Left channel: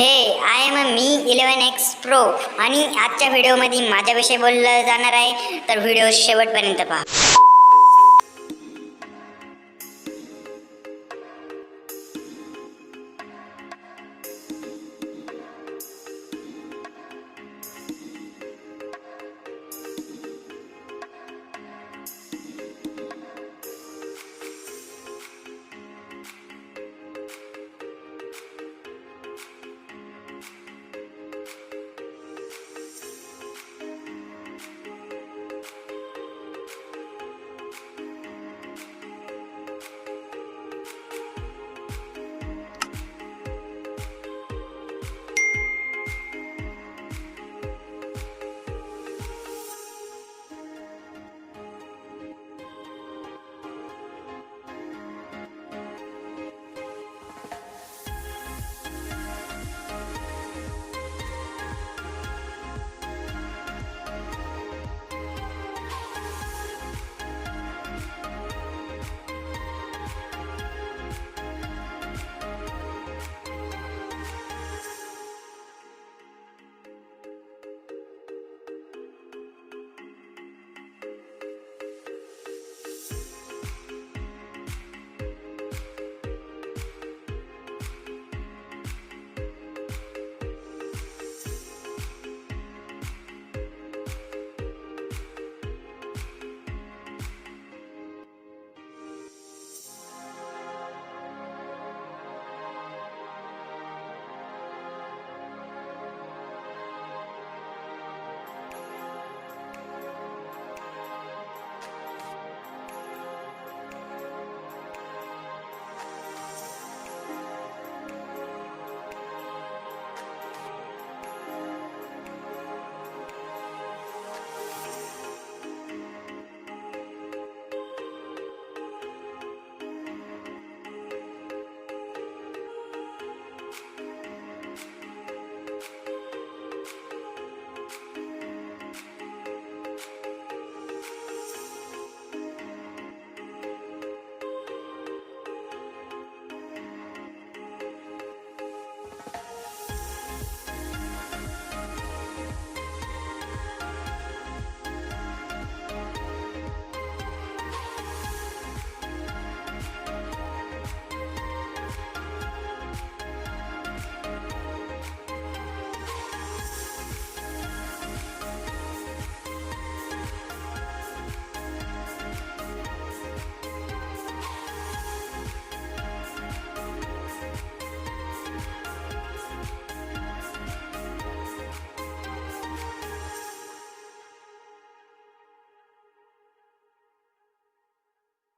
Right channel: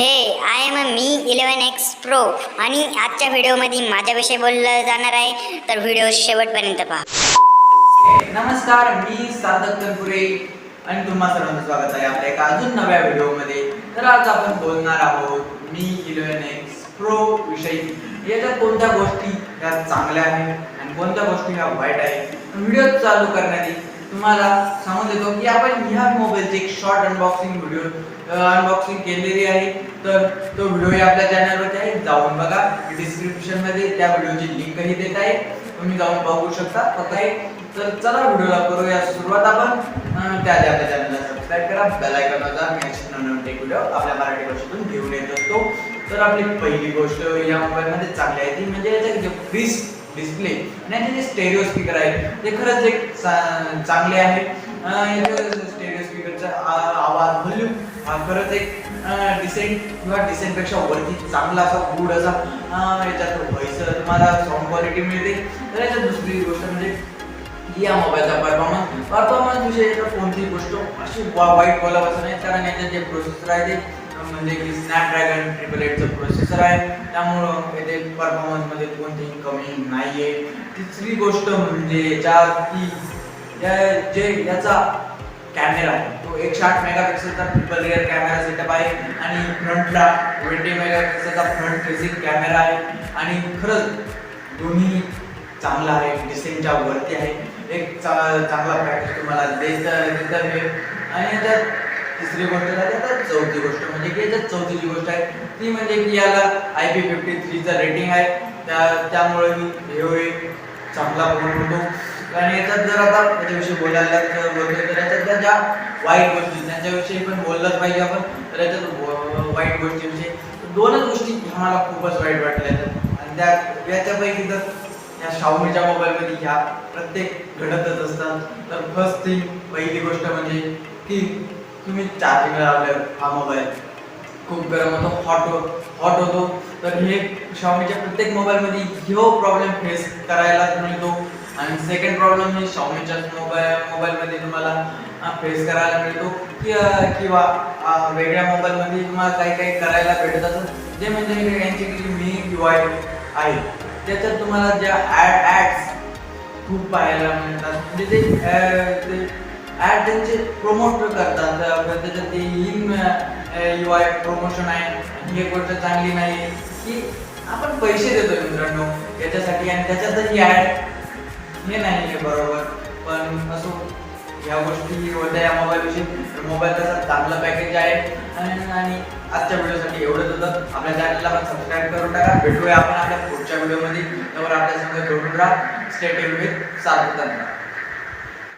हे I am mi11 pro आणि आजच्या व्हिडिओमध्ये माझ्याविषयी बोललं जाणार आहे, तर व्हिडिओ शेवटपर्यंत पहा. नमस्कार, मी साधक तनपुरे आणि तुम्हा सर्वांचं स्वागत आहे आपल्या एका अजून नव्या व्हिडिओमध्ये. तर आज आपण बोलणार आहोत mi11 प्रो विषयी. याच्यात कोणत्या गोष्टी या चांगल्या आहेत आणि कोणत्या गोष्टी या वाईट आहेत. व्हिडिओ चालू करण्याआधी तुम्हाला सांगून देतो की आपण ह्या मोबाईलचे एक शॉर्ट अनबॉक्सिंग केलेली आहे. तर तो व्हिडिओ आपल्या चॅनलवरती आहे, जाऊन बघा. डिस्क्रिप्शन मध्ये त्या व्हिडिओची लिंकही देत आहे, तुम्ही जाऊन बघू शकता. तर चला व्हिडिओला करूया सुरुवात. आपण त्याआधी आपल्या चॅनलला सबस्क्राइब करा, बेल आयकॉन वाजवा. नेक्स्ट नवीन व्हिडिओ आपल्या मराठी भाषेतून घेऊन येत असतो. तर आपली पहिली गोष्ट या मोबाईलमध्ये चांगली आहे ती म्हणजे याचा फ्री डिस्प्ले आणि जे स्टेरिओ स्पीकर आहे ते खरंच एक चांगले आहे. स्टेरिओ स्पीकरचा आवाज व्हॉल्यूम हा खरंच एक डिसेंट पेक्षा वरती चांगला असा गुड असा याच्यात व्हॉइस तुम्हाला साऊंड क्वालिटी मिळते. तर याच्यात दुसरी गोष्ट म्हणजे या मोबाईलचा परफॉर्मन्स विषयी कोणतीही गोष्ट अशी वाईट बोलावंच नाही, कारण याच्यात जे प्रोसेसर आहे ते म्हणजे की स्नॅपड्रॅगन 888चं प्रोसेसर आहे, त्यामुळं येथे परफॉर्मन्समध्ये कोणतीही कमी नाही आहे. तिसरी गोष्ट म्हणजे याचा कॅमेरा आहे तो 108 मेगापिक्सेलचा ट्रिपल रियर कॅमेरा सेटअप आहे आणि फ्रंटला 20 मेगापिक्सेलचा फ्रंट फेसिंग कॅमेरा आहे आणि खरंच दोन्ही चांगला आहे, डिसेंटच्या वरती आहे. एक चांगला पॅकेज तुम्हाला देत आहे. आणि याच्यात तिसरी गोष्ट झाली. आता चौथी गोष्ट म्हणजे की याच्यात चौथीची गोष्ट आहे ती म्हणजे की याला IP53चं रेटिंग आहे, त्यामुळे हे चांगला फोन होतो. आणि याच्यात जर आता त्याच्याविषयी बोलायला बोलतोय तर याच्यात ज्या वाईट गोष्टी त्यांच्याविषयी पण बोललंच पाहिजे आपण. तर याच्यात वाईट गोष्टीविषयी दोनच गोष्टी आम्हाला खूपच वाईट वाटल्या आणि याच्यापैकी जर या शाओमीच्या मोबाईलमध्ये ह्या प्रत्येक घडतच असतात. तर फर्स्ट थिंग पहिली गोष्ट म्हणजे की तुम्ही चार्जिंग लावल्यावर हा मोबाईल खूप गरम होतो, हॉट होतो. तर हे शाओमीच्या प्रत्येक मोबाईलमध्ये ह्यो प्रॉब्लेम फेस करायला मिळतो. आणि सेकंड प्रॉब्लेम हे शाओमीच्या मोबाईलमध्ये तुम्हाला फेस करायला मिळतो किंवा वेगळ्या मोबाईलमध्ये तुम्हाला काही करायला भेटत असतं, जे म्हणजे यांची mi11 आहे त्याच्यात तुम्हाला ज्या ॲड्स खूप पाहायला मिळतात. म्हणजे ते ॲड त्यांचे प्रमोट करतात, त्याच्यात ते mi11 प्रमोशन आहे. ही एक गोष्ट चांगली नाही की आपण पैसे देतोय मित्रांनो याच्यासाठी आणि त्याच्यातही ॲड हे नाही आहे बरोबर. पण असो, या गोष्टी होत्या या मोबाईलविषयी. मोबाईल तसा चांगला पॅकेज आहे आणि आजच्या व्हिडिओसाठी एवढंच होतं. आपल्या चॅनलला पण सबस्क्राईब करून टाका. भेटूया आपण आपल्या पुढच्या व्हिडिओमध्ये. त्यावर आपल्या संग जोडून राहा. स्टे ट्यून्ड विथ साधक तनपुरे.